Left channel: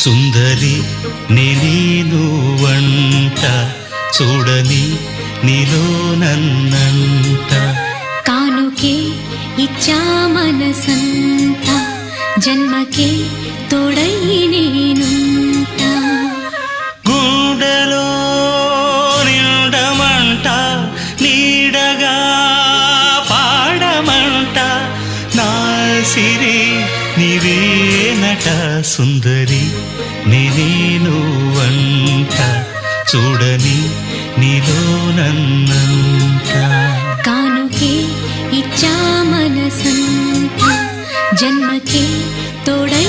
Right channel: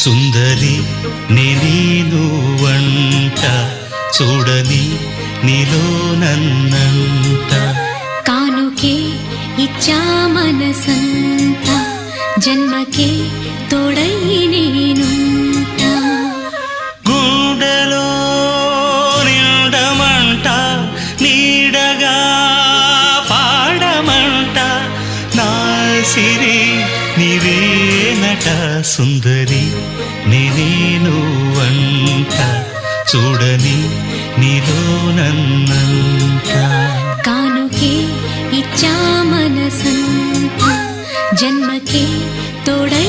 సుందరి నేను వంట చూడని నీలో నన్నంత కానుకే ఇచ్చా మనసంత జన్మకే తోడై నేనుంట గుండెలో నిండమంట నీడగా పాడమంట నా సిరి నీవేనట సుందరి నేను వంట చూడని నీలో నన్నంత కానుకే ఇచ్చా మనసంత జన్మకే తోడై